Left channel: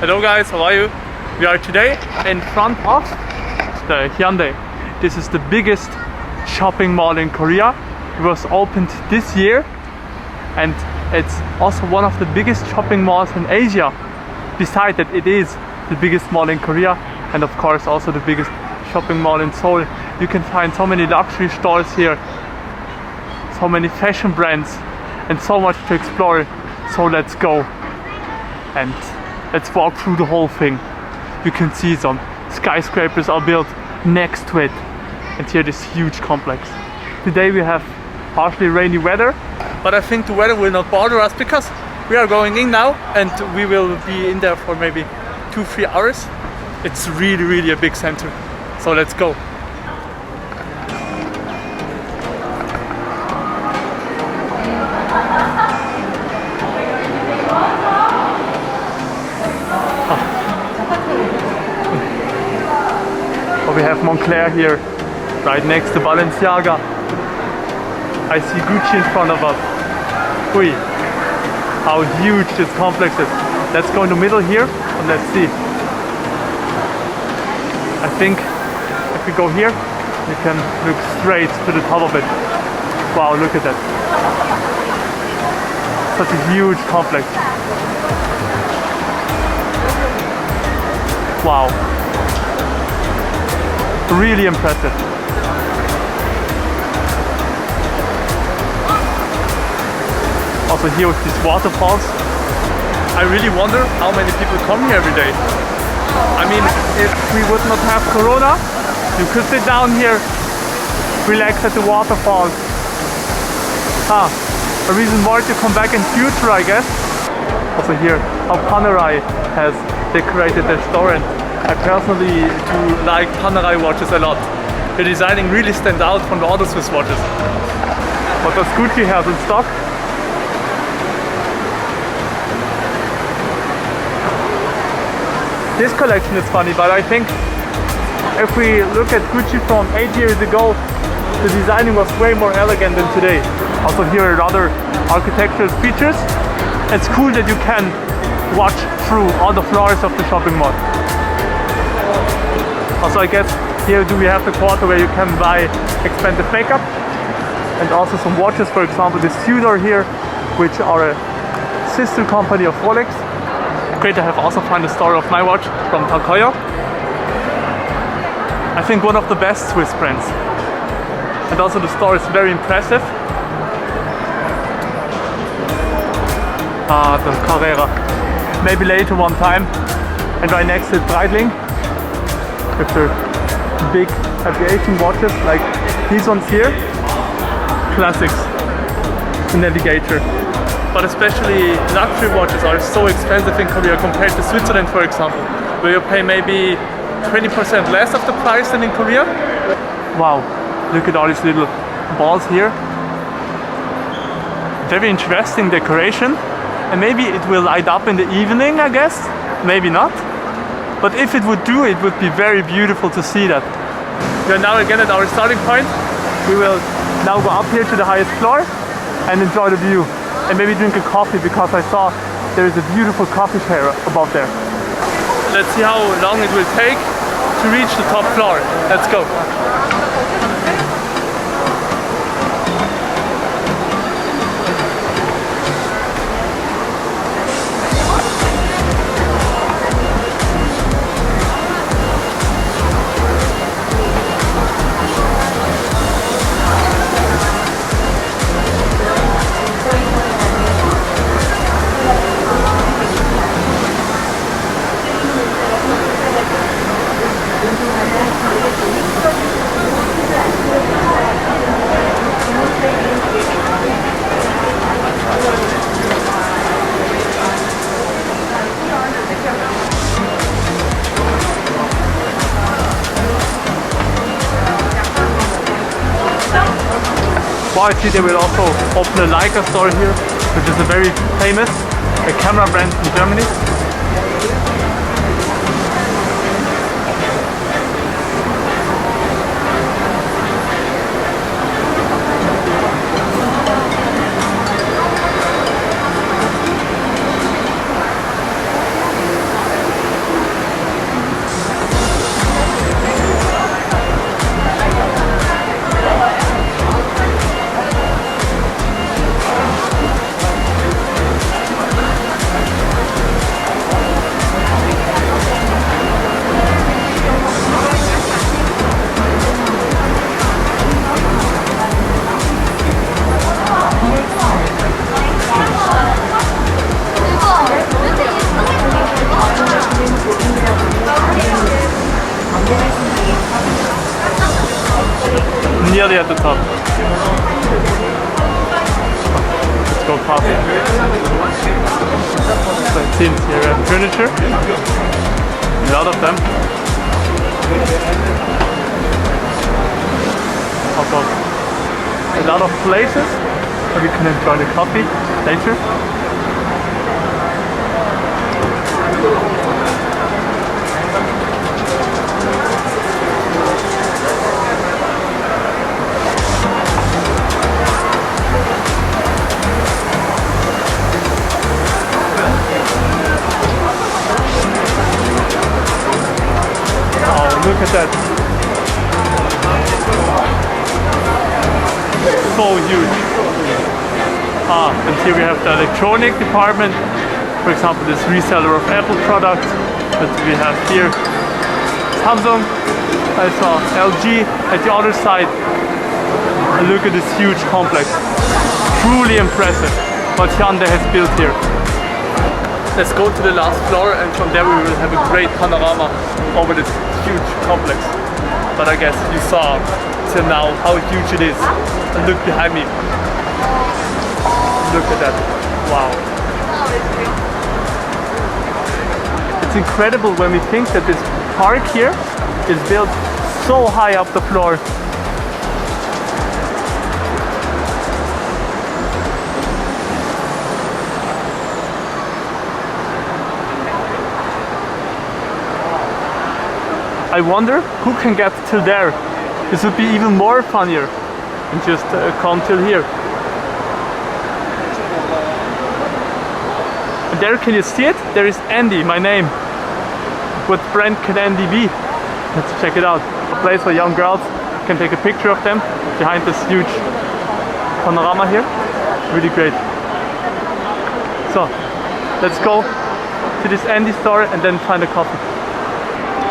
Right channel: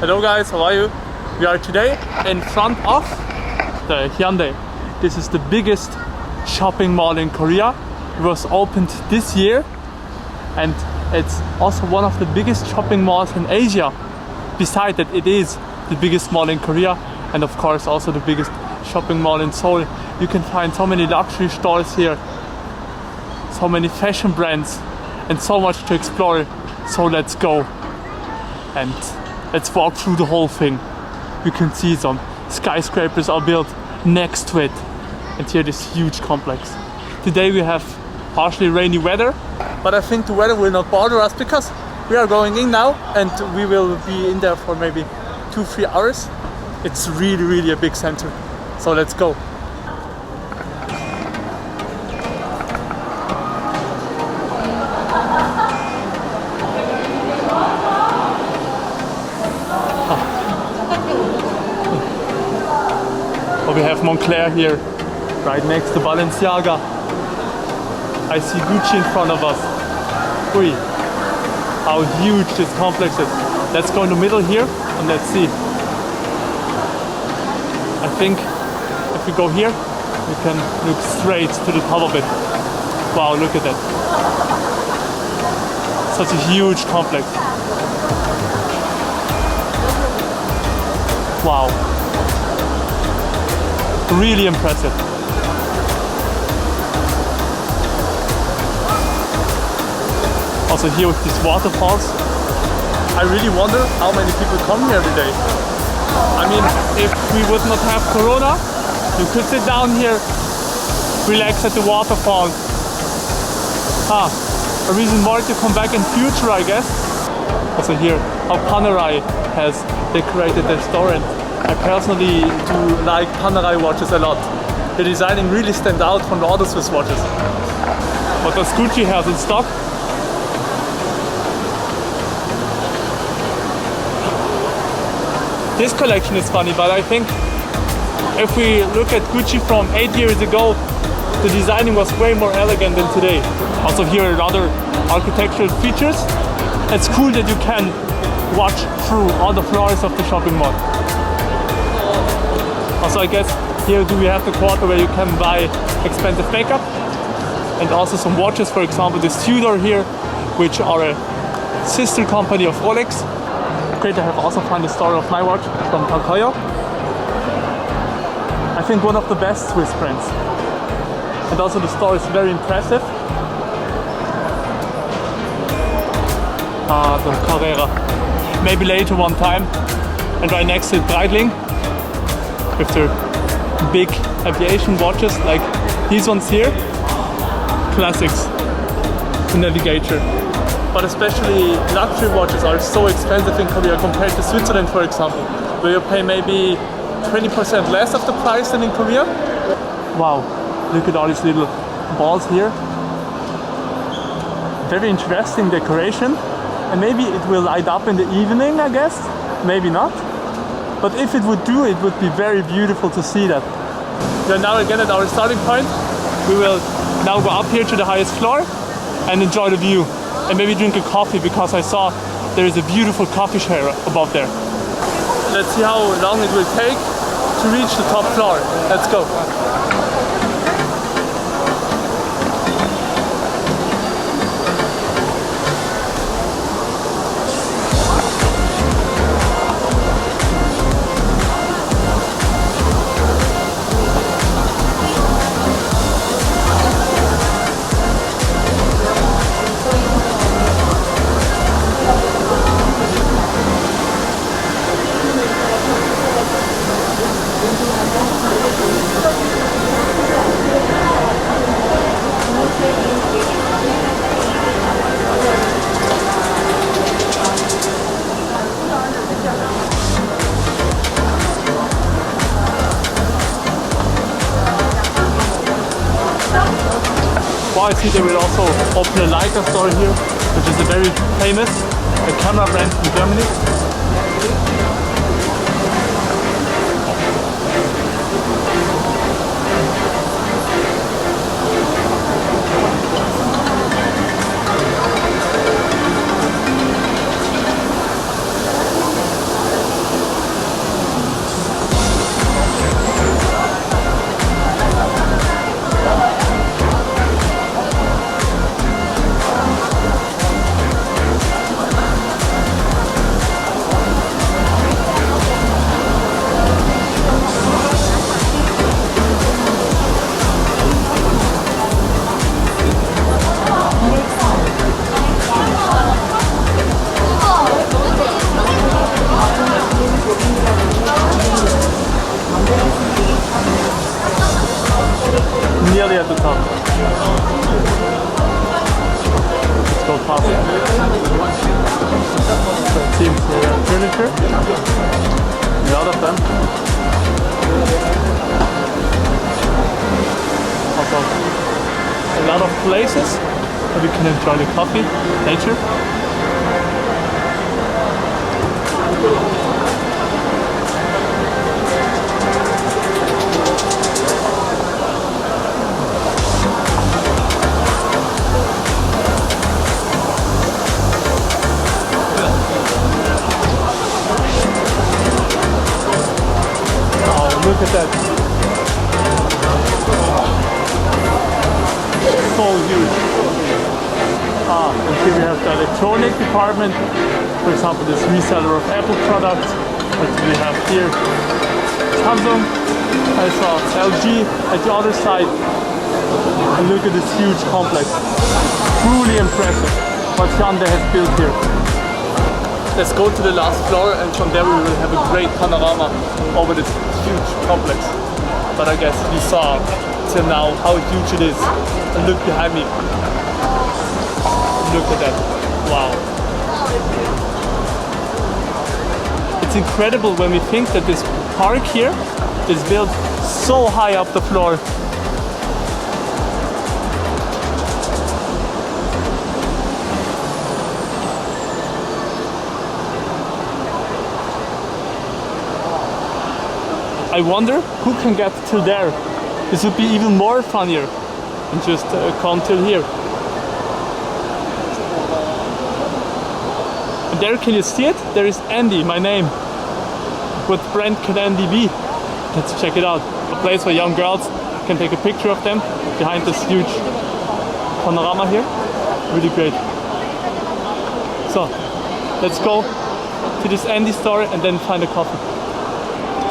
Hello guys, how are you? We are today in front of the Hyundai. This is the biggest shopping mall in Korea. It was opened this year and it's also one of the biggest shopping malls in Asia. Besides that, it is the biggest mall in Korea and of course also the biggest shopping mall in Seoul. You can find so many luxury stores here, so many fashion brands and so much to explore. So let's go and let's walk through the whole thing. You can see some skyscrapers are built next to it and here this huge complex. Today we have partially rainy weather, but I think the weather will not bother us because we are going in now and we will be in there for maybe 2-3 hours. It's really a big center, so let's go. We have Montblanc here, right next to Balenciaga. I see Gucci in front of us. Ui, how huge this complex is. Let's go in the middle here and let's see. I think if we go here, we can look straight to the top of it. Wow, look at that. Such a huge complex. Wow. Really impressive. Also here with these waterfalls, I really wonder how many people come here every day. I mean, if we would not have Corona, you could sit down here, relax at the waterfall. A reason more to come back in future, I guess. Also here, how Panerai has decorated their store, and I personally do like Panerai watches a lot. The designing really stands out from the other Swiss watches. What does Gucci have in stock? This collection is funny, but I think if we look at Gucci from 8 years ago, the designing was way more elegant than today. Also here are other architectural features. It's cool that you can watch through all the floors of the shopping mall. Also I guess here we have the quarter where you can buy expensive makeup and also some watches, for example this Heuer here, which are a sister company of Rolex. Great, I have also found the story of my watch from Heuer. I think one of the best Swiss brands. And also the store is very impressive. The Carrera. Maybe later one time. And right next to it Breitling, with their big aviation watches like these ones here. Classics. The Navigator. But especially luxury watches are so expensive in Korea compared to Switzerland, for example, where you pay maybe 20% less of the price than in Korea. Wow, look at all these little balls here. Very interesting decoration. And maybe it will light up in the evening, I guess. Maybe not. But if it would do, it would be very beautiful to see that. We are now again at our starting point. We will now go up here to the highest floor and enjoy the view. And maybe drink a coffee because I saw there is a beautiful coffee shop above there. Let's see how long it will take to reach the top floor. Let's go. I see they will also open a Leica store here, which is a very famous camera brand in Germany. at the top. Let's go past. So it seems here we have furniture. A lot of them. Also a lot of places where we can enjoy the coffee later. Look at that. So huge. And here we have the electronic department. For example, this reseller of Apple products. But we have here Samsung. I saw LG at the other side. And look at this huge complex. Truly impressive what Hyundai has built here. Let's go to the last floor, and from there we will have a great panorama over this huge complex. But I guess you saw till now how huge it is. And look behind me. Look at that. Wow. It's incredible when we think that this park here is built so high up the floor. I wonder who can get till there. This would be even more funnier than just come till here. And there, can you see it? There is Andy, my name. What brand can Andy be? Let's check it out. A place where young girls can take a picture of them behind this huge panorama here. Really great. So, let's go to this Andy store and then find a coffee.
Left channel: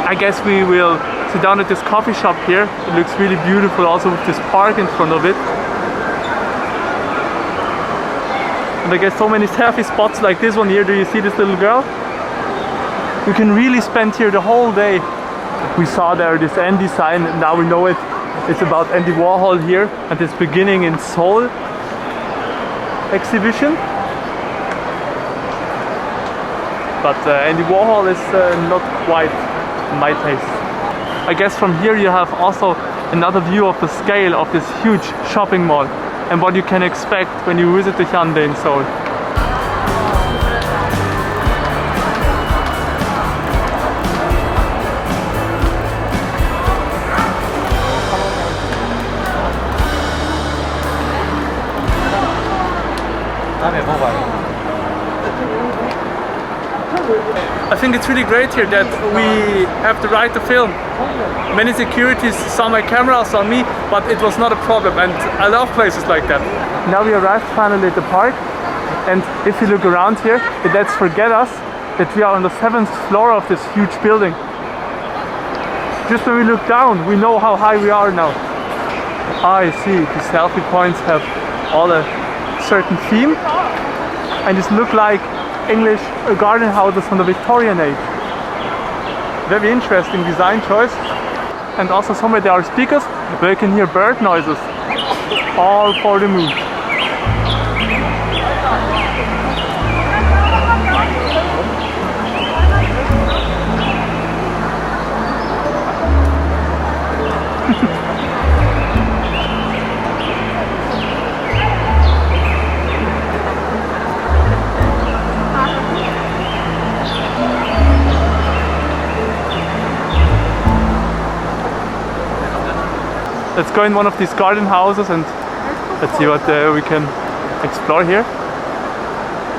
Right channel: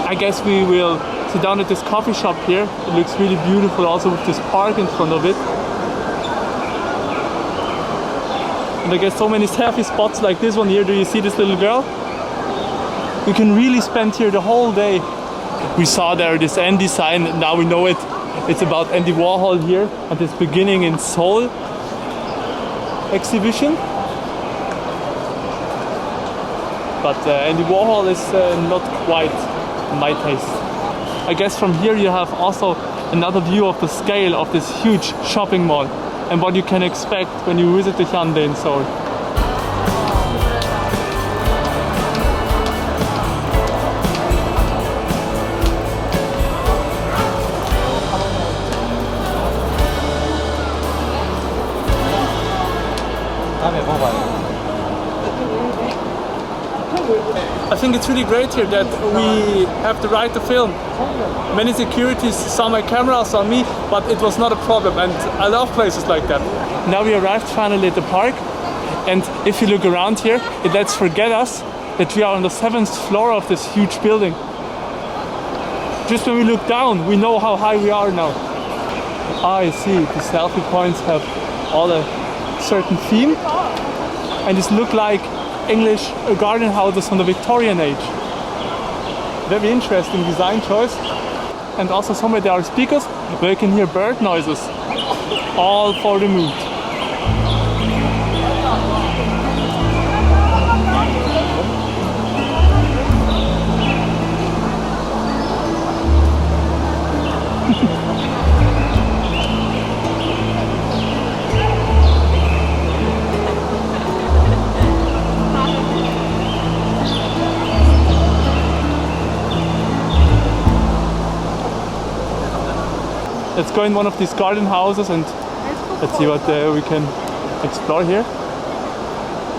I guess we will sit down at this coffee shop here. It looks really beautiful, also with this park in front of it. And I guess so many selfie spots like this one here. Do you see this little girl? You can really spend here the whole day. We saw there this Andy sign, and now we know it. It's about Andy Warhol here at this beginning in Seoul exhibition. But Andy Warhol is not quite my taste. I guess from here you have also another view of the scale of this huge shopping mall and what you can expect when you visit the Hyundai in Seoul. I think it's really great here that we have the right to film. Many securities saw my camera, saw me, but it was not a problem, and I love places like that. Now we arrived finally at the park, and if you look around here, it lets forget us that we are on the 7th floor of this huge building. Just when we look down, we know how high we are now. Ah, I see, the selfie points have all a certain theme, and this look like English garden houses from the Victorian age. Very interesting design choice. And also somewhere there are speakers where you can hear bird noises. All for the mood. Let's go in one of these garden houses and let's see what we can explore here.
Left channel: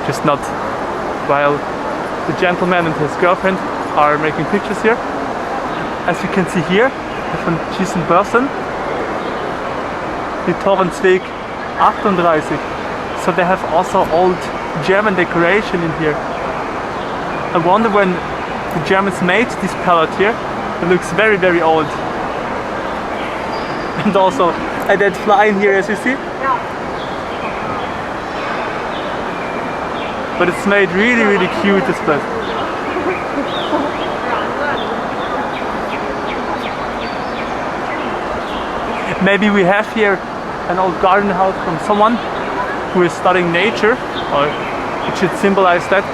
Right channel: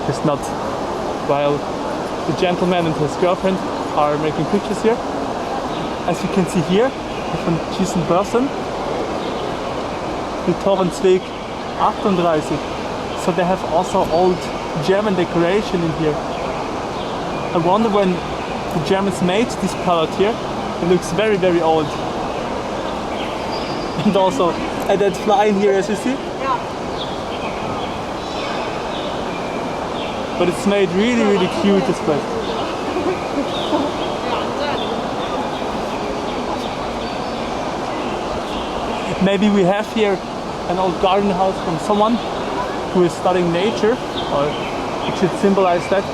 Just not while the gentleman and his girlfriend are making pictures here. As you can see here, von diesen Börsen, die Torrensweg 38. So they have also old German decoration in here. I wonder when the Germans made this palette here. It looks very, very old. And also a dead fly in here, as you see. But it's made really, really cute, this place. Maybe we have here an old garden house from someone who is studying nature, or it should symbolize that.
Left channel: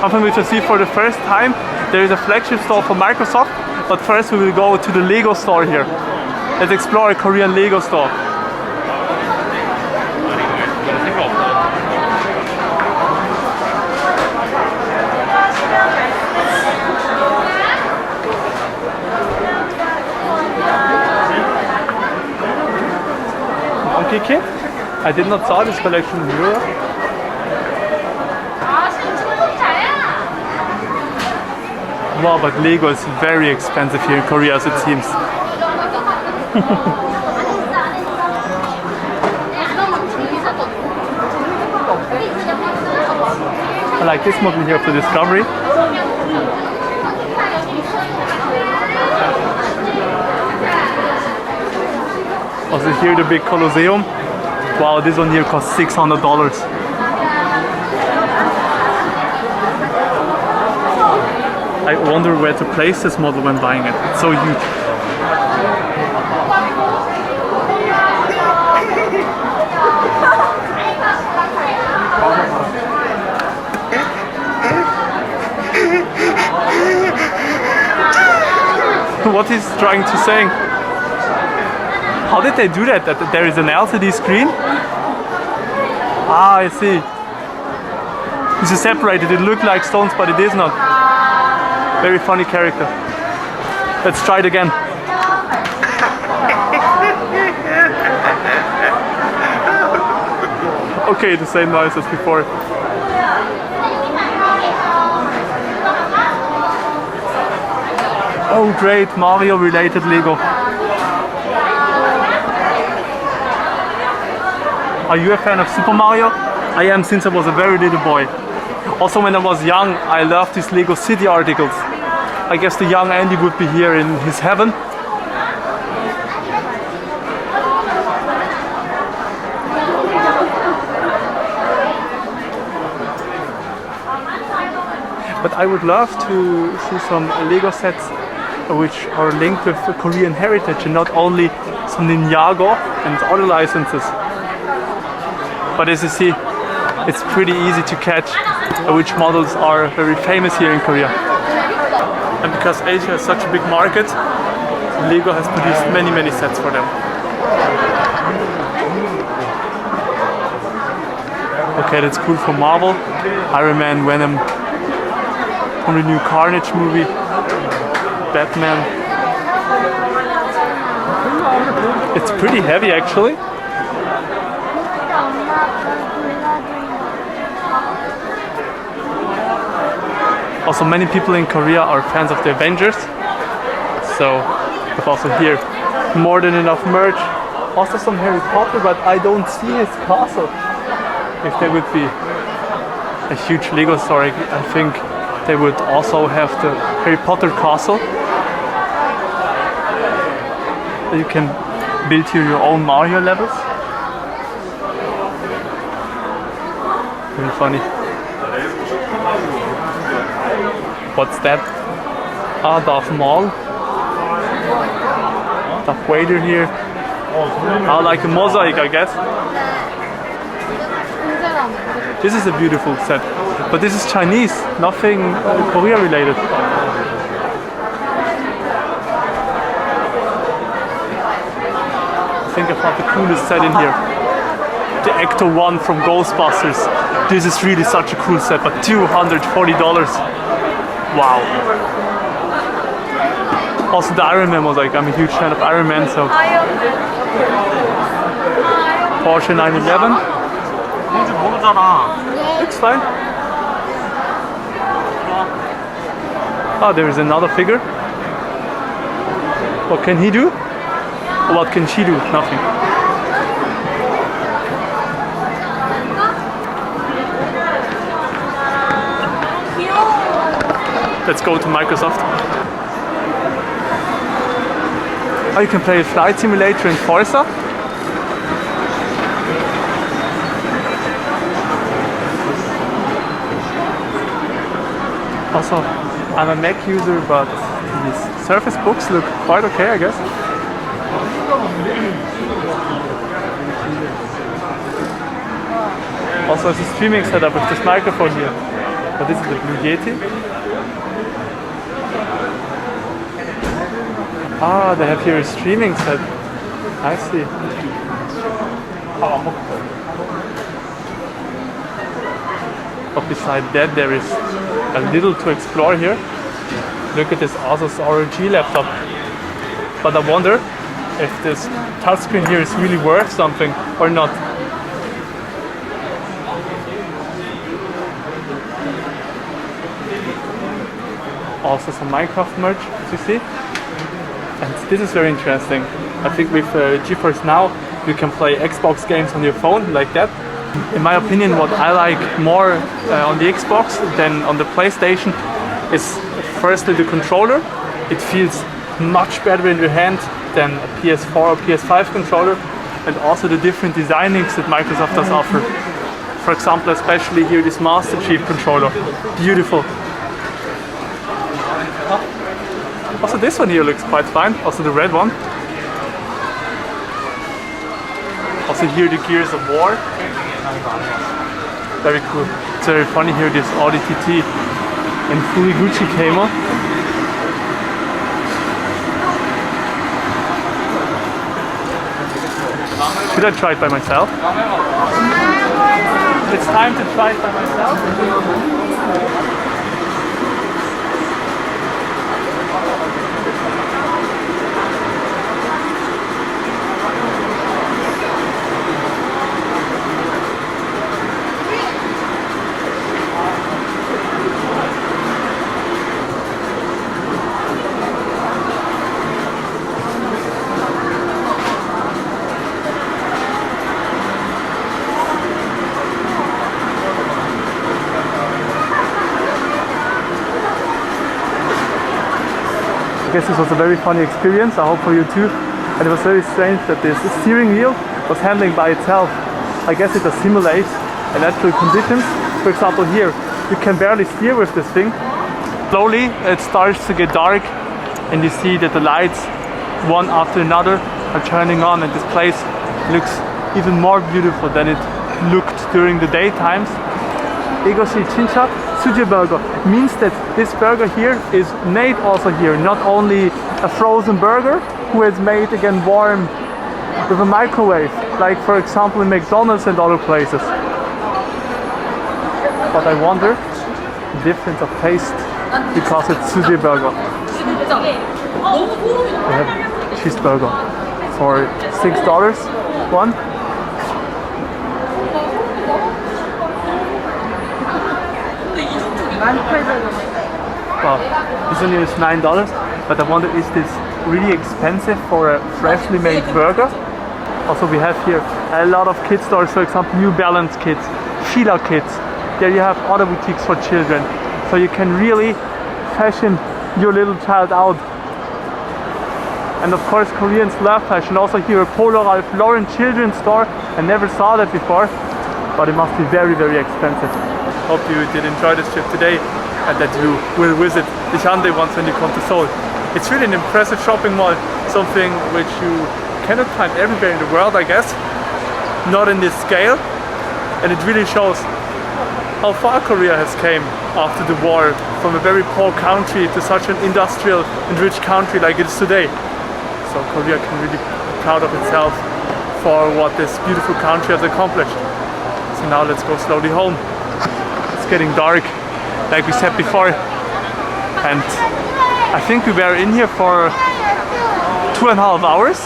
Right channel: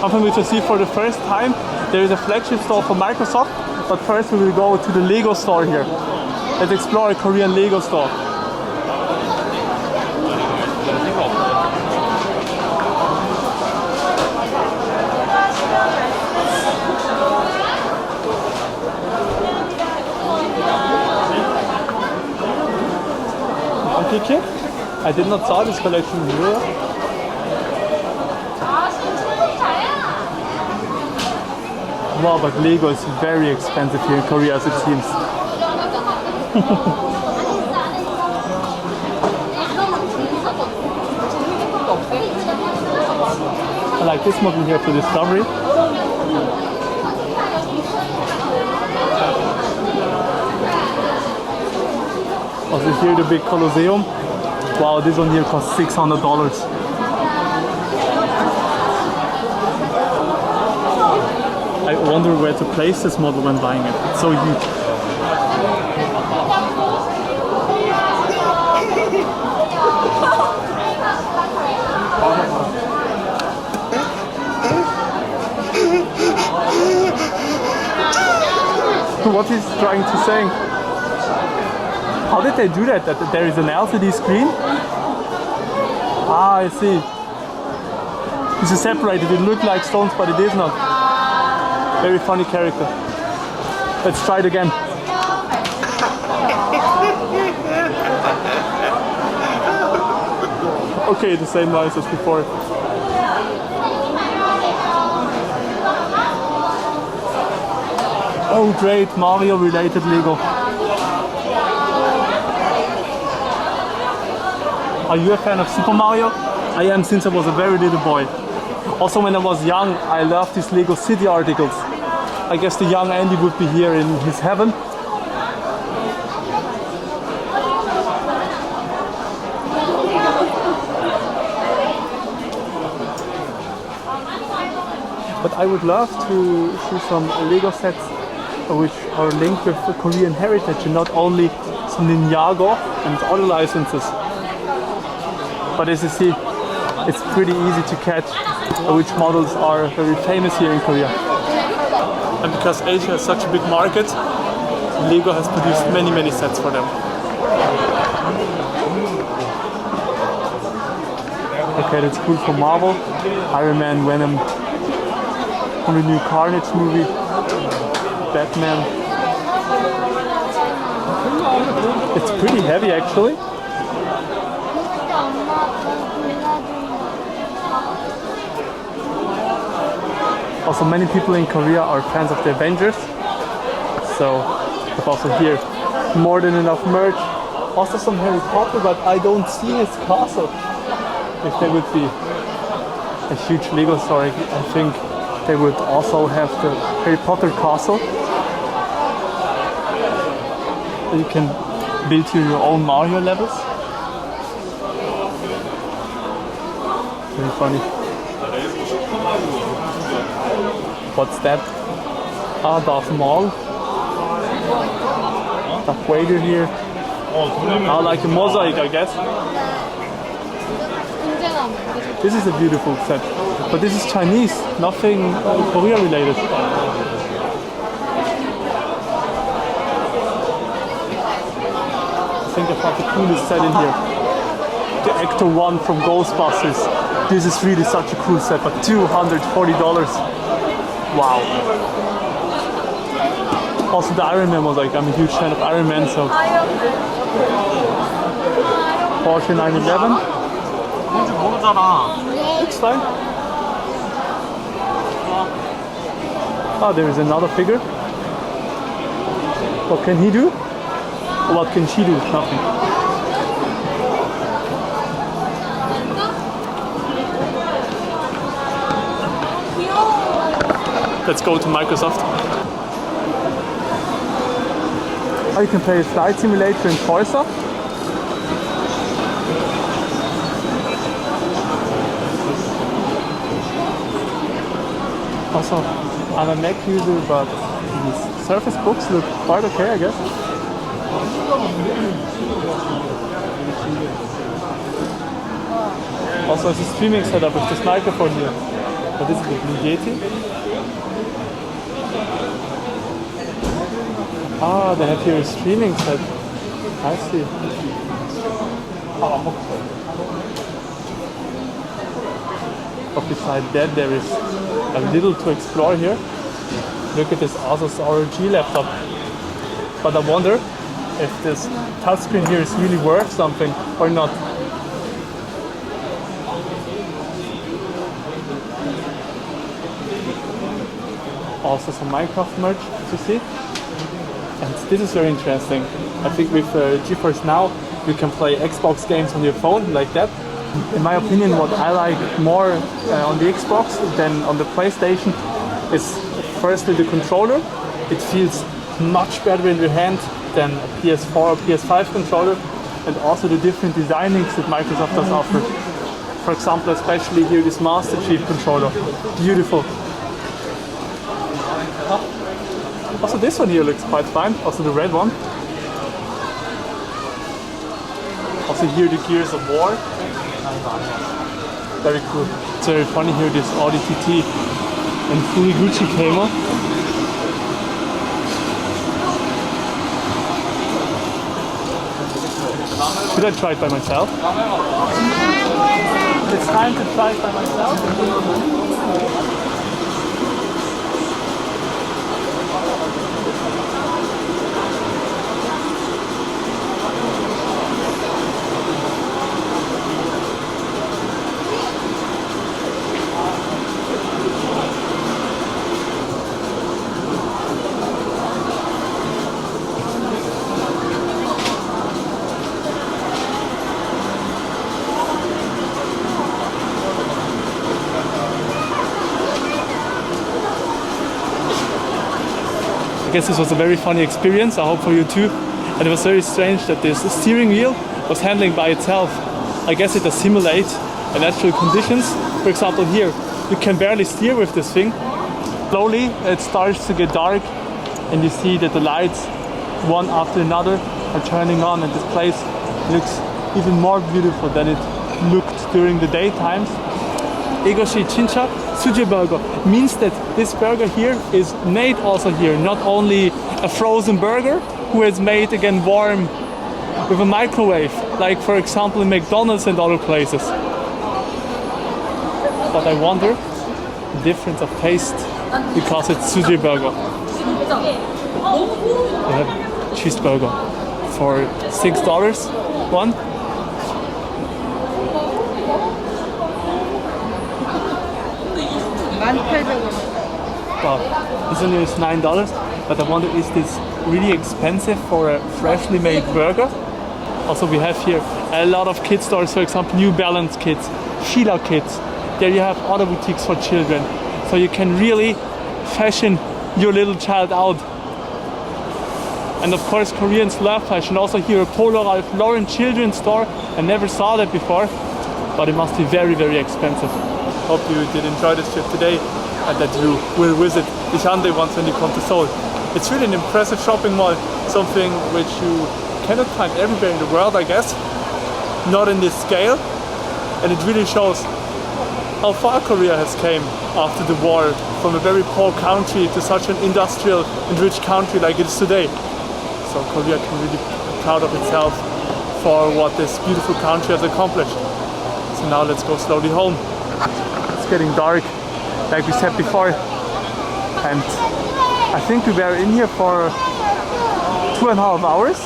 Something which I see for the first time. There is a flagship store for Microsoft, but first we will go to the Lego store here. Let's explore a Korean Lego store. Monkey Kid? I did not saw this collection in Europe. Wow, but Lego is very expensive here in Korea, as it seems. I like this model here for Discovery. Also here the big Colosseum. Wow, this one here costs $600. I wonder where to place this model when buying it. It's so huge. What he's trying to say? How did they do that? That there is an LCD screen? Ah, I see. This is separated. It looked like stones, but it is not. Very funny character. Let's try it again. Okay, the same noise as before. Oh great, Mario related Lego. Are you a fan of Super Mario? I am since I was a very little boy. Also when I was young, I loved these Lego City articles. I guess the young Andy would be here in his heaven. But I would love to see some Lego sets which are linked with the Korean heritage and not only some Ninjago and other licenses. But as you see, it's pretty easy to catch which models are very famous here in Korea. And because Asia is such a big market, Lego has produced many sets for them. Okay, that's cool for Marvel. Iron Man, Venom, from the new Carnage movie, Batman. It's pretty heavy actually. Also many people in Korea are fans of the Avengers. So but also here more than enough merch. Also some Harry Potter, but I don't see his castle. If there would be a huge Lego store, I think they would also have the Harry Potter castle. You can build here your own Mario levels. Very funny. What's that? Ah, Darth Maul. Darth Vader here. Ah, like a mosaic, I guess. This is a beautiful set, but this is Chinese, nothing Korea related. Think about the coolest set in here. The Ecto 1 from Ghostbusters. This is really such a cool set, but $240. Wow. Also the Iron Man was like, I'm a huge fan of Iron Man, so. Porsche 911. Looks fine. Oh, there is another figure. What can he do? What can she do? Nothing. Let's go to Microsoft. Oh, you can play a flight simulator in Forza. Also, I'm a Mac user, but these Surface Books look quite okay, I guess. Also, it's a streaming setup with this microphone here. But this is the Blue Yeti. Ah, they have here a streaming set. I see. But beside that, there is a little to explore here. Look at this Asus ROG laptop. But I wonder if this touchscreen here is really worth something or not. Also some Minecraft merch, as you see. And this is very interesting. I think with GeForce Now, you can play Xbox games on your phone like that. In my opinion, what I like more on the Xbox than on the PlayStation is firstly the controller. It feels much better in your hand than a PS4 or PS5 controller, and also the different designings that Microsoft does offer. For example, especially here this Master Chief controller. Beautiful. Also this one here looks quite fine, also the red one. Also here the Gears of War. Very cool. It's very funny here, this Audi TT in fully Gucci camo. Should I try it by myself? It's time to try it by myself. I guess this was a very funny experience, I hope for you too. And it was very strange that this steering wheel was handling by itself. I guess it does simulate natural conditions. For example here, you can barely steer with this thing. Slowly it starts to get dark and you see that the lights, one after another, are turning on, and this place looks even more beautiful than it looked during the daytimes. Egoshi Chincha Suje burger means that this burger here is made also here, not only a frozen burger who is made again warm with a microwave, like for example in McDonald's and other places. But I wonder the difference of taste because it's Suje burger. They have cheeseburger for $6 one. Wow, this one here is $9, but I wonder, is this really expensive for a freshly made burger? Also we have here a lot of kid stores, for example New Balance kids, Fila kids. There you have other boutiques for children, so you can really fashion your little child out. And of course Koreans love fashion. Also here a Polo Ralph Lauren children's store. I never saw that before, but it must be very, very expensive. Hope you did enjoy this trip today and that you will visit TheHyundai once when you come to Seoul. It's really an impressive shopping mall, something which you cannot find everywhere in the world, I guess. Not in this scale, and it really shows how far Korea has came after the war, from a very poor country to such an industrial and rich country like it is today. So Korea can really be proud of itself for what this beautiful country has accomplished. So now let's go slowly home. It's getting dark, like we said before, and I think we were in here for 2.5 hours.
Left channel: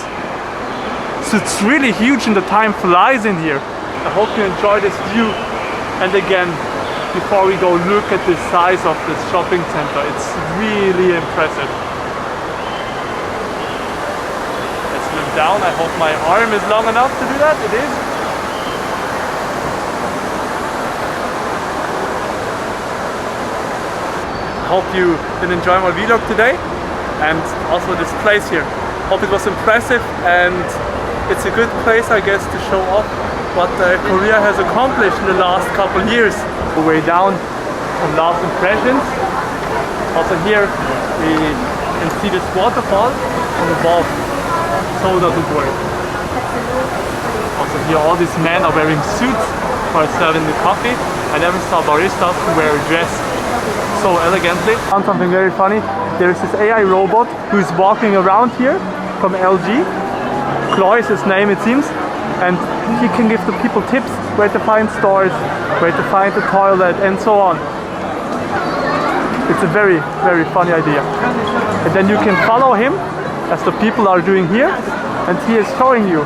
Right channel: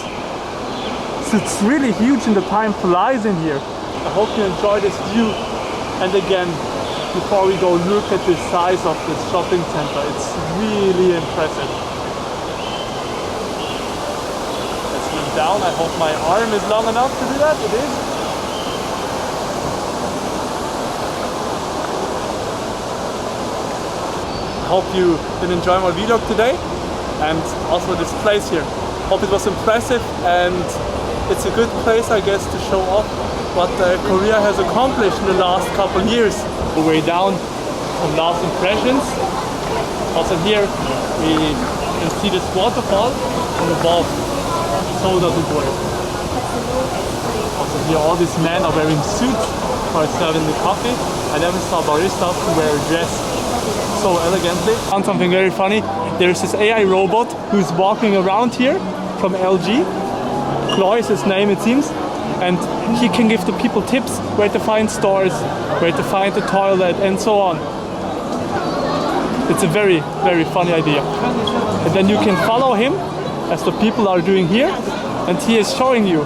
So it's really huge and the time flies in here. I hope you enjoy this view. And again, before we go, look at the size of this shopping center. It's really impressive. Let's look down. I hope my arm is long enough to do that. It is. I hope you did enjoy my vlog today, and also this place here. Hope it was impressive, and it's a good place, I guess, to show off what Korea has accomplished in the last couple of years. The way down, some last impressions. Also here we can see this waterfall from above. so does it work. Also here all these men are wearing suits for serving the coffee. I never saw baristas who wear a dress so elegantly. Found something very funny. There's this AI robot who is walking around here from LG. Chloe is his name, it seems. And he can give the people tips where to find stores, where to find the toilet, and so on. It's a very, very funny idea. And then you can follow him, as the people are doing here, and he is showing you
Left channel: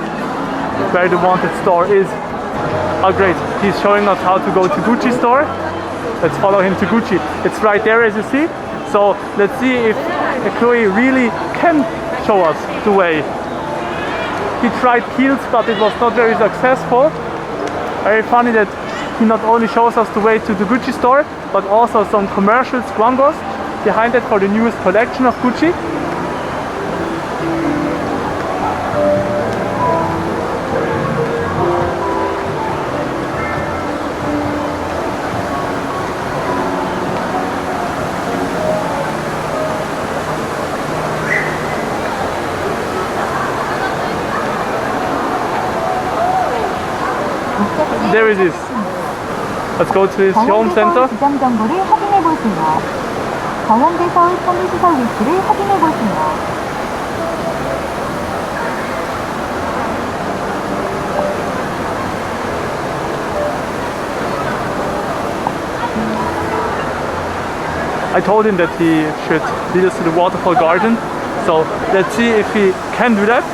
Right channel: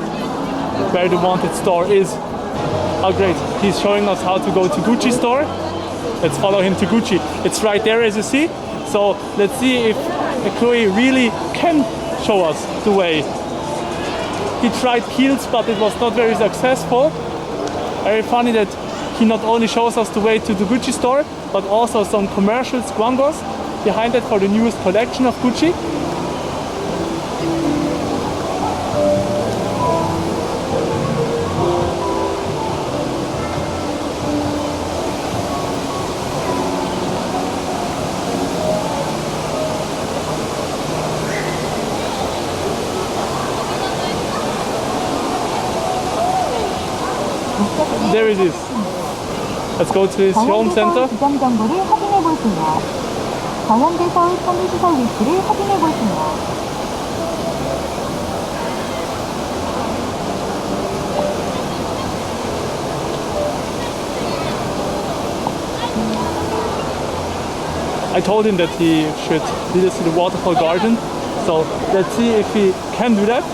where the wanted store is. Oh great, he's showing us how to go to Gucci store. Let's follow him to Gucci. It's right there as you see. So let's see if Chloe really can show us the way. He tried Kiehl's, but it was not very successful. Very funny that he not only shows us the way to the Gucci store, but also some commercial squangos behind it for the newest collection of Gucci. There it is. Let's go to his home center. 지점 정보를 확인해 보세요. 더현대 서울 편의시설 위치를 확인해 보세요. I told him that he should lead us to the waterfall garden. So let's see if he can do that.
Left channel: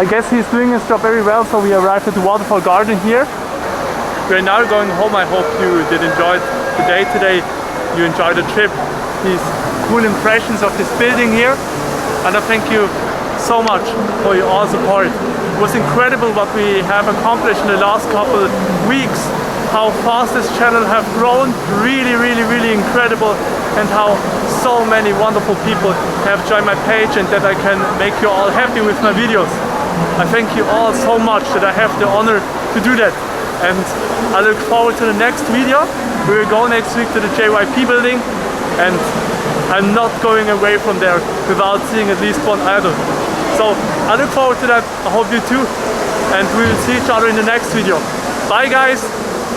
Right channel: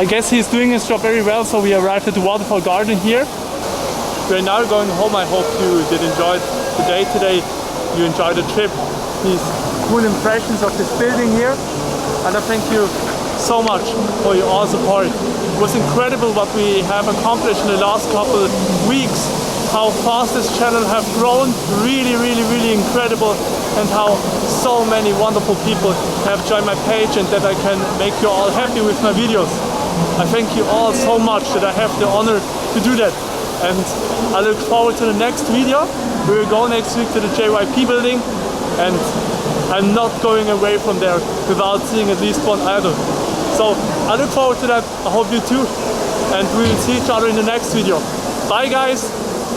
I guess he's doing his job very well, so we arrived at the waterfall garden here. We're now going home. I hope you did enjoy the day today. You enjoyed the trip, these cool impressions of this building here. And I thank you so much for your all support. It was incredible what we have accomplished in the last couple weeks. How fast this channel have grown, really, really, really incredible. And how so many wonderful people have joined my page and that I can make you all happy with my videos. I thank you all so much that I have the honor to do that. And I look forward to the next video. We will go next week to the JYP building, and I'm not going away from there without seeing at least one idol. So I look forward to that. I hope you too. And we will see each other in the next video. Bye guys!